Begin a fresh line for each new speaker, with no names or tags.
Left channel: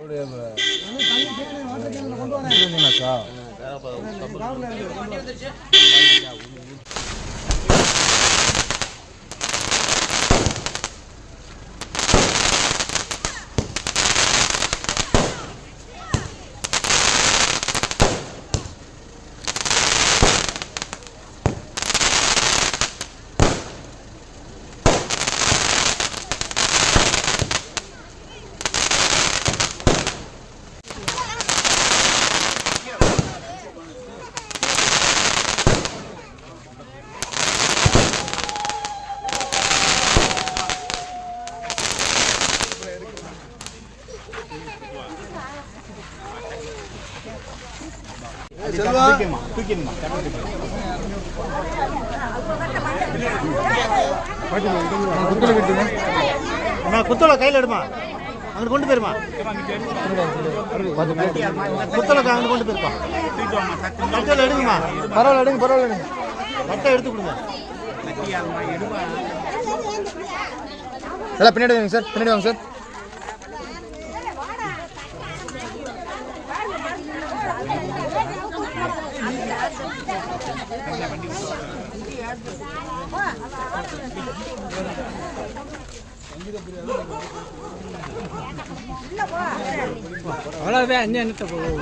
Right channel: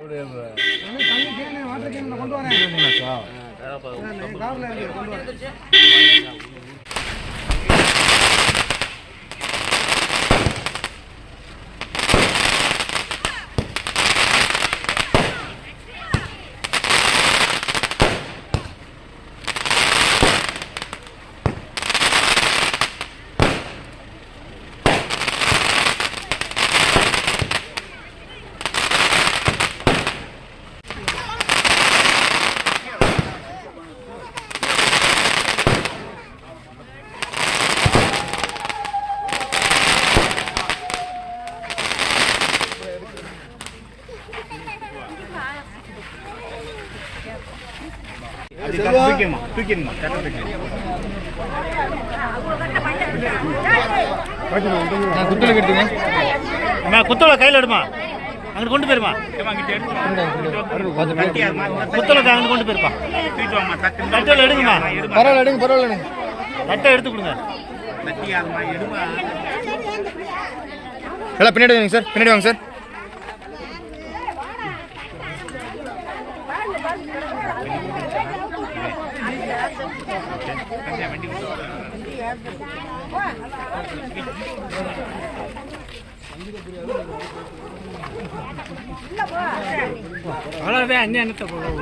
கொண்டு வரேன். கொண்டு வரேன்.
குத்தோல கையில் எடுமா? அங்கிட்டு கொண்டு போயிருமா குத்தோல அங்கிட்டு கொண்டு போயிருப்பா தட்டோல எடுங்கம்மா
பரவாயில்ல எடுங்க பரவாயில்ல எடுங்க
தட்டை எடுத்து கொடுங்க
எல்லாம் பின்னாடி வாங்க சார். பின்னாடி வாங்க சார்.
அவ்வளோதான் அண்ணன் என்னத்தை போகல